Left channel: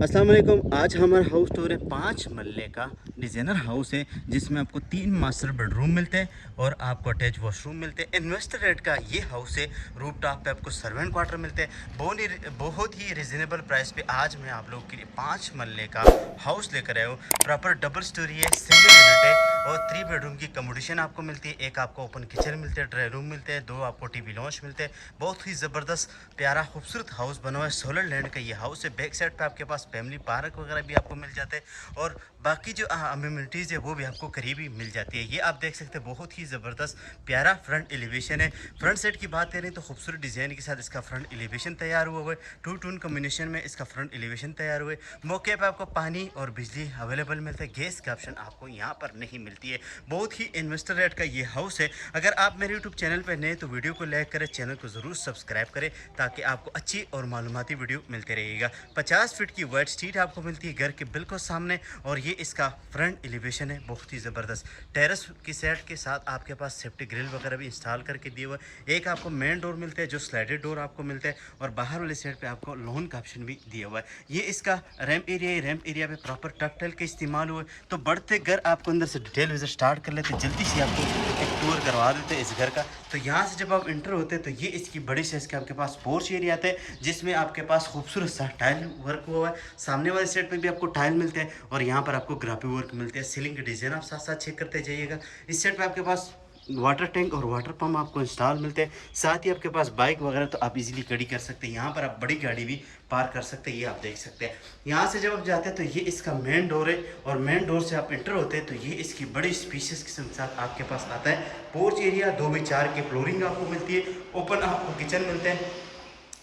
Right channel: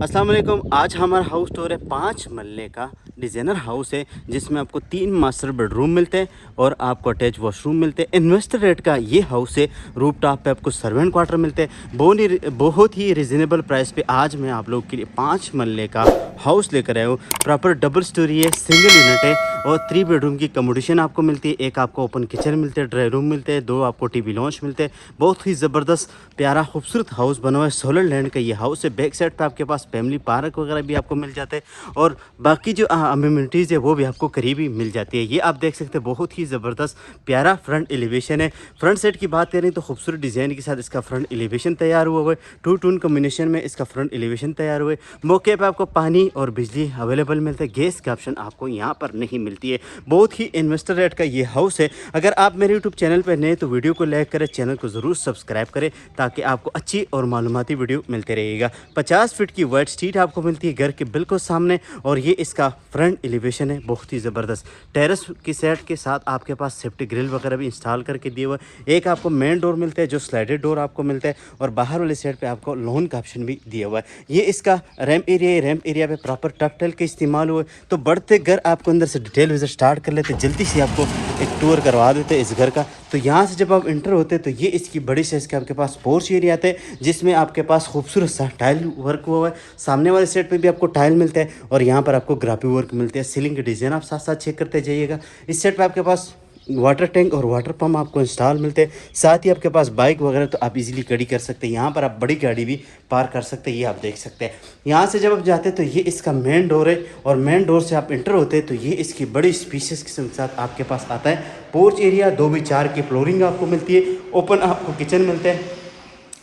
अस्सलाम वालेकुम। आज हमारा हाउस टूर है 5 मरले का डिज़ाइनर हाउस है जिसमें आपको 3 मास्टर बेडरूम मिलते हैं और आपको अटैच वॉशरूम मिलते हैं। इन्वेस्टर रेट का ये हाउस है। रूफ टॉप पे आपको सर्वेंट क्वार्टर मिलते हैं। बहुत ही रिजनेबल प्राइस पे आज मैं आप लोग के लिए 5 मरले का हाउस लेकर आया हूँ। प्रॉपर डबल स्टोरी है, सिंगल यूनिट है और 3 बेडरूम की कमोडिशन आपको मिलती है। एक आपको ओपन किचन मिलते हैं, ड्राई रूम मिलते हैं, 2 आपको टीवी लॉन्च मिलते हैं। बहुत ही ज़बरदस्त प्यारा खूबसूरत हाउस बना हुआ है। सोलर लैंड का ये हाउस है। बैक साइड पे आपके पास फैमिली पार्क वगैरह भी आपको मिल जाते हैं और बाकी जो अम्यूनिटीज़ है वो भी आपको करीबी मिल जाती है। ये आप देख सकते हैं, बहुत ही ज़बरदस्त प्यारा फ्रंट एलिवेशन है। फ्रंट साइड की बात करें तो खूबसूरत डिज़ाइन के साथ इसका फ्रंट एलिवेशन तैयार हुआ है। टू टून कॉम्बिनेशन में इसका फ्रंट एलिवेशन तैयार हुआ है। मौके पर आपको पानी और बिजली अवेलेबल मिलता है। गैस का ऑप्शन आपको यहाँ पर नहीं मिलती है। बहुत ही इन्वेस्टर रेट का ये हाउस है। अगर आप मेरे यूट्यूब चैनल पर नए तो वीडियो को लाइक करें, चैनल को ज़रूर सब्सक्राइब करें ताकि आपको अच्छी और मालूमाती वीडियो मिलते रहेगा। 50 फीट की वाइड स्ट्रीट आपको मिलती है घर के बिल्कुल सामने और ये इसका फ्रंट एलिवेशन है। बहुत ही ज़बरदस्त टेरेस की सेट के साथ आपके पास सेफ्टी ग्रिल वगैरह भी इंस्टॉल करके दिए हुए। एक आपको मेन डोर मिलता है जो स्लाइडेड डोर आपको मिलता है और बाहर वाले साइड पे आपको लोन का ऑप्शन भी दिया हुआ है। ये इसका रैम्प एरिया है। रैम्प एरिया पे प्रॉपर टपटेल का इस्तेमाल हुआ है। तो बढ़ते घर आपको अंदर से डिटेल विजिट स्टार्ट कर लेते, जल्दी से आपको एक टूर करवा देते हैं इस घर का। तो यहाँ से जब आप इंटर होते हैं तो ये इसकी बड़ी साइज के आपके पास पोर्च एरिया आता है जिसमें आपके पास खूबसूरत सा टाइल वर्क हुआ है। सामने वाले सेट पे भी आपको टाइल मिलता है और यहाँ पर आपको ग्राफी वर्क मिलते हैं। सीलिंग के डिज़ाइन आप साथ साथ चेक करते जाइएगा। इस सेट पे आपके पास वाटर टैंक और वाटर पम्प आपको इंस्टॉल मिलते हैं। साथ ही आपके पास बाइक वगैरह तो आप इजीली खड़ी कर सकते हैं। यहाँ पर आप बड़ी गाड़ी भी पार्क कर सकते हैं। ये आप देख सकते हैं। यहाँ से जब आप जाते हैं तो ये इसका मेन डोर है और मेन डोर से आप इंटर होते हैं तो ये इसकी बड़ी स्पीशियस किस्म के साथ आपके पास आता है। पोर्च एरिया 2x4 की फ्लोरिंग आपको मिलती है। ओपन आपको किचन मिलते हैं।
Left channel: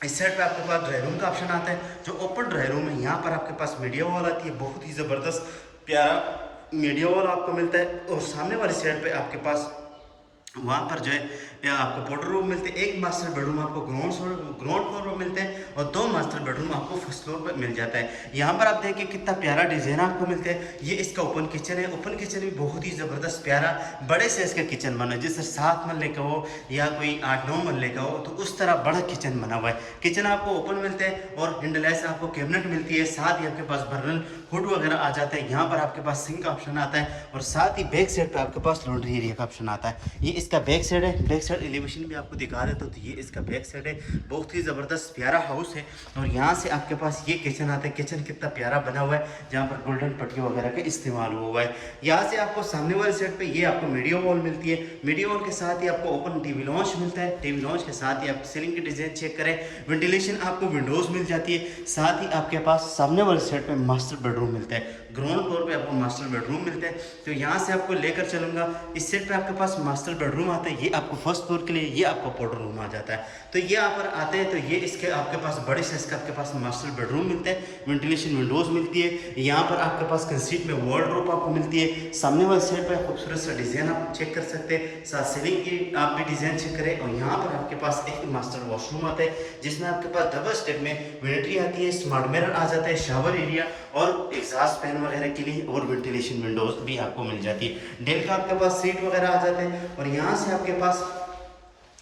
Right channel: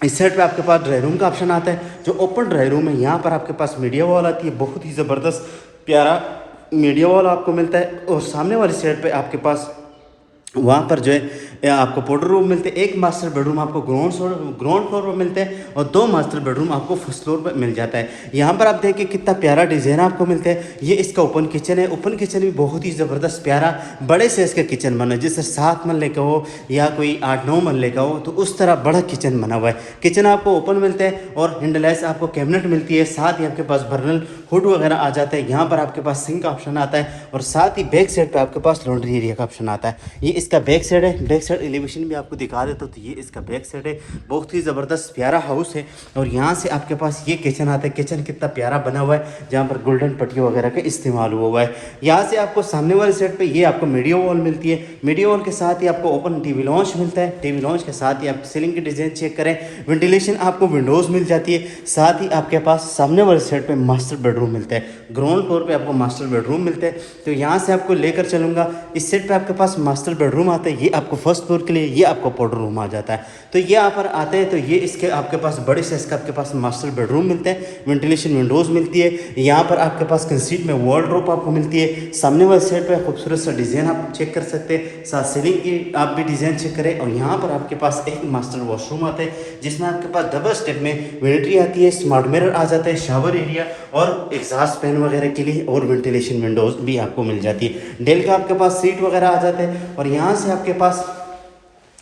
इस साइड पे आपके पास ड्राई रूम का ऑप्शन आता है। जो ओपन ड्राई रूम है यहाँ पर आपके पास मीडिया वॉल आती है। बहुत ही ज़बरदस्त प्यारा मीडिया वॉल आपको मिलता है और सामने वाली साइड पे आपके पास वहाँ पर जो है आपको पाउडर रूम मिलते हैं। एक मास्टर बेडरूम आपको ग्राउंड फ्लोर पर मिलते हैं और 2 मास्टर बेडरूम आपको फर्स्ट फ्लोर पर मिल जाता है। यहाँ पर आप देखिए कितना प्यारा डिज़ाइन आपको मिलता है। ये इसका ओपन किचन है। ओपन किचन भी बहुत ही ज़बरदस्त प्यारा बड़े से इसका किचन बना है। जैसे 7 मरले का हो या कोई 8-9 मरले का हो तो उस तरह बड़ा किचन बना हुआ है। किचन आपको ओपन मिलता है और हैंडलेस आपको कैबिनेट मिलती है। साथ ही आपके पास बर्नल हुड वगैरह आ जाता है। यहाँ पर आपके पास सिंक का ऑप्शन आता है और साथ ही बैक साइड पर आपके पास लॉन्ड्री एरिया का ऑप्शन आता है। ये इसका बैक साइड है। बैक साइड एलिवेशन भी आपको दिखा देता हूँ। तो ये इसका बैक साइड है। बहुत ही ज़बरदस्त प्यारा हाउस है और यहाँ से आपके पास ये किचन आता है। किचन कितना प्यारा बना हुआ है जहाँ पर गोल्डन पट्टी वगैरह का इस्तेमाल हुआ है। यहाँ से आपको सामने वाले साइड पे ये आपको मीडिया वॉल मिलती है। मीडिया वॉल के साथ ही आपको ओपन टीवी लॉन्च मिलता है। टीवी लॉन्च के साथ ही आप सीलिंग की डिज़ाइन चेक करें। वेंटिलेशन आपको विंडोज़ मिल जाती है। साथ ही आपके पास सामने वाले साइड पे मास्टर बेडरूम मिलता है। ग्राउंड फ्लोर पे आपको मास्टर बेडरूम मिलते हैं। तो यहाँ से आपको लेकर चलूँगा। इस साइड पे आपके पास मास्टर बेडरूम आता है। ये आपको फर्स्ट फ्लोर के लिए ये आपको पाउडर रूम आ जाता है। तो ये यहाँ पर आते हैं तो ये इसके आपके पास बड़े साइज का आपके पास मास्टर बेडरूम मिलते हैं। वेंटिलेशन विंडोज़ मिलती है। यहाँ पर आपके पास कंसीट में वार्डरोब आपको मिलती है। सामने वाले साइड पे खूबसूरत सा डिज़ाइन आप चेक कर सकते हैं। साथ सीलिंग की आप भी डिज़ाइन चेक करें और यहाँ पर आपके पास एक मास्टर वॉशरूम आता है जिसमें आपके पास डबल स्टेप में वेंट्री आती है। स्मार्ट मिरर आ जाता है, शावर एरिया और एग्जॉस्ट फैन वगैरह के लिए और वेंटिलेशन विंडोज़ भी आपको मिल जाती है। डेल का आपके पास सीट वगैरह आ जाता है और यहाँ से आपके पास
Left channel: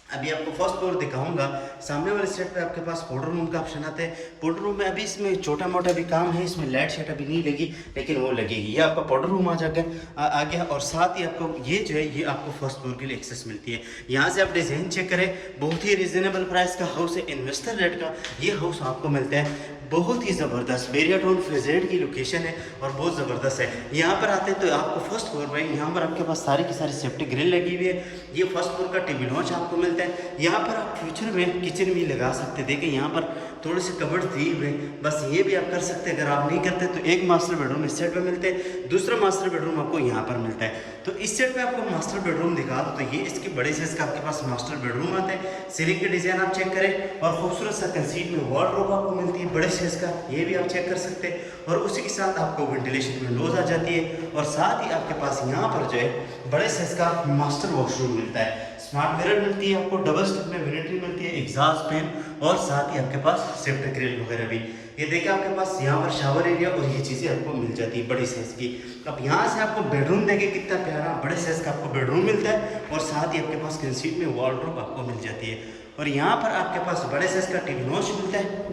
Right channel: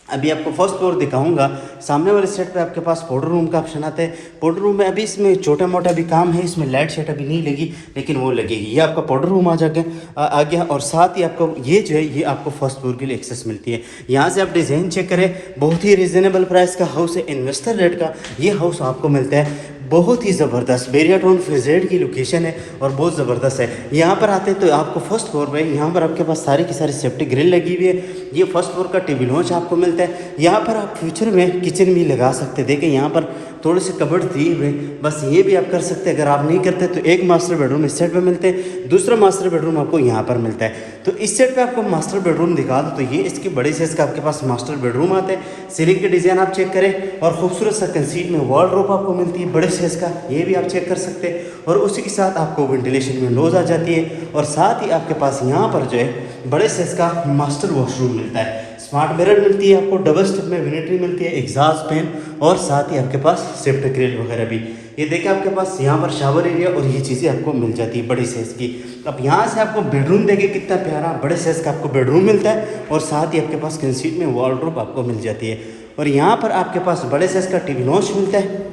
अभी आपको फर्स्ट फ्लोर दिखाऊंगा। सामने वाले सेट पे आपके पास पाउडर रूम का ऑप्शन आता है। पाउडर रूम में अभी इसमें छोटा मोटा भी काम है। इसमें लाइट शेट अभी नहीं लगी लेकिन वो लगेगी। ये आपका पाउडर रूम आ गया और साथ ही आपको ये जो है ये आपको फर्स्ट फ्लोर के लिए एक्सेस मिलती है। यहाँ से आप डिज़ाइन चेक करें। बहुत ही रिजनेबल प्राइस का हाउस है। इन्वेस्टर रेट का ये हाउस आपको मिलता है। बहुत ही ज़बरदस्त बेरिया टाउन फेजेड की लोकेशन है और बहुत ज़बरदस्त है। यहाँ पर आते हैं तो आपको फर्स्ट फ्लोर पे यहाँ पर आपके पास सारी की सारी सेफ्टी ग्रिल लगी हुई है। ये फर्स्ट फ्लोर का टीवी लॉन्च आपको मिलता है। यहाँ पर आप फ्यूचर में किचन भी लगा सकते हैं। देखिए यहाँ पर थोड़े से कबर्ड दिए हुए, बस ये भी आप कर सकते हैं। अगर आप नहीं करते तो एक मास्टर बेडरूम इस साइड पे मिलते हैं, दूसरा मास्टर बेडरूम आपको यहाँ पर मिलता है। तो इस साइड पे आपको मास्टर बेडरूम दिखा दो तो ये इसके बड़े साइज का आपके पास मास्टर बेडरूम आते हैं। सीलिंग के डिज़ाइन आप चेक करें और खूबसूरत सा कंसीट में वार्डरोब आपको मिलती है बड़े साइज का, ये भी आप चेक कर सकते हैं। और उसी के साथ आपको वेंटिलेशन विंडोज़ आ जाती है और साथ ही आपके पास यहाँ पर जो है बड़े साइज का मास्टर वॉशरूम मिलता है। स्मार्ट मिरर मिलती है आपको, डबल स्टेप में वेनिटी मिलती है, एग्जॉस्ट फैन और साथ ही आपके पास सेफ्टी ग्रिल वगैरह भी। ये देखिए आपके पास यहाँ पर शावर एरिया और ये चीज़ें आपको मिल जाती है बड़ी साइज़ की। अब यहाँ से आपको बेडरूम देखिए कितना प्यारा बड़े साइज़ का आपको बेडरूम मिलता है और साथ ही आपके पास कंसीट में वार्डरोब आपको मिल जाती है। और यहाँ पर आपके पास बड़े साइज़ का टीवी लॉन्च मिलता है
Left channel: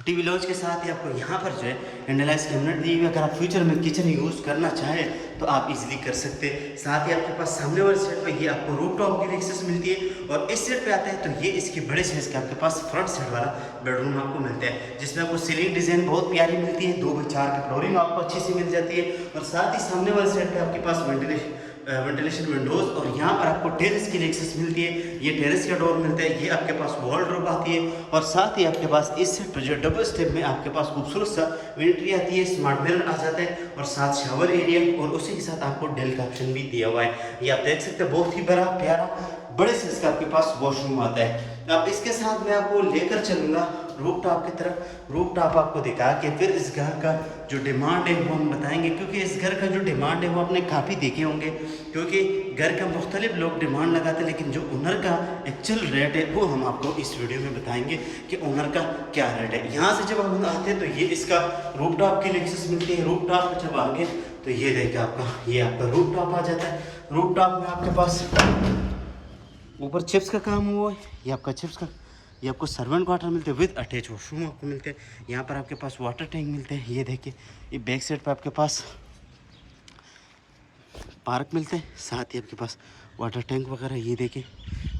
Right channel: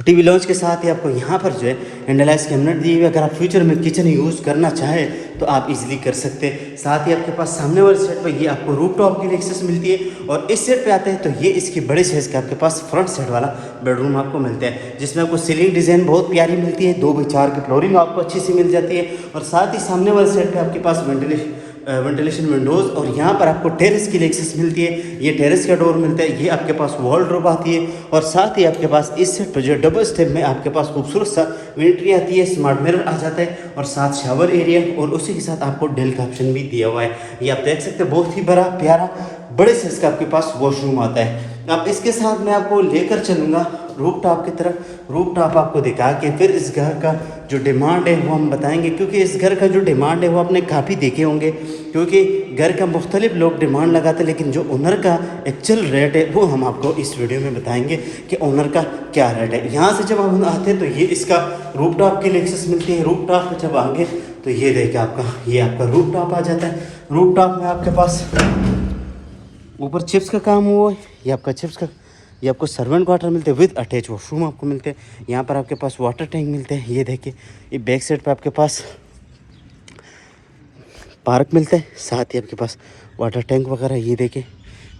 टीवी लॉन्च के साथ ही आपको यहाँ पर जो है हैंडलाइज कैबिनेट दी हुई है। अगर आप फ्यूचर में किचन यूज़ करना चाहें तो आप इजीली कर सकते हैं। साथ ही आपके पास सामने वाले सेट पर ये आपको रूफ टॉप की भी एक्सेस मिलती है। और इस सेट पे आते हैं तो ये इसकी बड़े साइज़ का आपके पास फ्रंट सेट वाला बेडरूम आपको मिलता है, जिसमें आपको सीलिंग डिज़ाइन बहुत प्यारी मिलती है, 2x4 की फ्लोरिंग आपको अच्छी सी मिल जाती है। और साथ ही सामने वाले सेट पर आपके पास वेंटिलेशन विंडोज़ और यहाँ पर आपको टेरेस की एक्सेस मिलती है। ये टेरेस का डोर मिलता है, ये आपके पास वॉलड्रॉप आती है। और साथ ही आपके पास इस सेट पर जो डबल स्टेप में आपके पास खूबसूरत सा विंट्री आती है, स्मार्ट मिरर आ जाता है और साथ शावर एरिया और उसी के साथ आपको डेल का ऑप्शन भी दिया हुआ है। ये आप देख सकते हैं, बहुत ही बड़ा प्यारा बड़े साइज का आपके पास वॉशरूम आता है। अब इसके साथ मैं आपको लेकर चलूँगा रूफ टॉप की तरफ। रूफ टॉप आपको दिखा के फिर इस घर का जो डिमांड है वो हम बताएंगे, क्योंकि इस घर का जो डिमांड है वो आपने काफ़ी देखे होंगे, क्योंकि घर का मुख्तलिफ लोग डिमांड लगाते हैं, लेकिन जो ओनर का एक्चुअल रेट है वो हम आपको इस वीडियो में बताएंगे कि ओनर का क्या रेट है। यहाँ से जब हम आते हैं तो ये इसका रूफ टॉप की एक्सेस मिलती है। रूफ टॉप जब आगे तो ये देखिए आपका रूफ टॉप आ जाता है। रूफ टॉप में आपके पास ऊपर चिप्स का काम हुआ है, ये आपको सर्वेंट क्वार्टर मिलते हैं विद अटैच वॉशरूम आपको मिलते हैं। यहाँ पर आपके पास वाटर टैंक मिलते हैं। ये देखिए, ये बैक साइड पे आपके पास पार्क मिलता है, साथ ही आपके पास वाटर टैंक वगैरह। ये देखिए,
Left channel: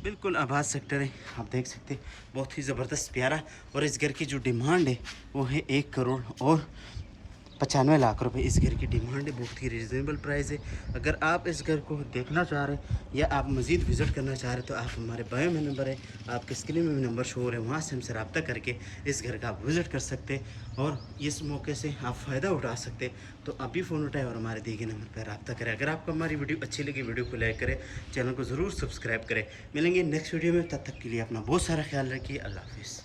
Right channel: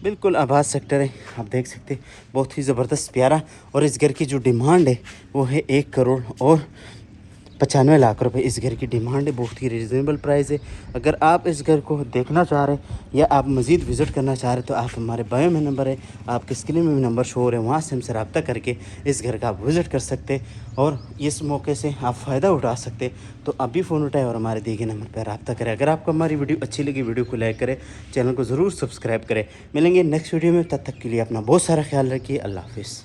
बिल्कुल आबाद सेक्टर है, आप देख सकते हैं, बहुत ही ज़बरदस्त प्यारा। और इस घर की जो डिमांड है वो है 1,95,00,000 रुपए इस घर की डिमांड है। बहुत ही रिजनेबल प्राइस है। अगर आप इस घर को देखना चाह रहे हैं या आप मज़ीद विज़िट करना चाह रहे हैं तो आप हमारे बायो में नंबर है, आपके स्क्रीन में भी नंबर शो हो रहे हैं, वहाँ से हमसे रब्ता करके इस घर का आप विज़िट कर सकते हैं और इस मौके से आप फ़ायदा उठा सकते हैं। तो अभी फ़ोन उठाएं और हमारे दिए गए नंबर पर रब्ता करें। अगर आपको हमारी वीडियो अच्छी लगी, वीडियो को लाइक करें, चैनल को ज़रूर सब्सक्राइब करें। मिलेंगे नेक्स्ट वीडियो में, तब तक के लिए अपना बहुत सारा ख्याल रखिए। अल्लाह हाफिज़।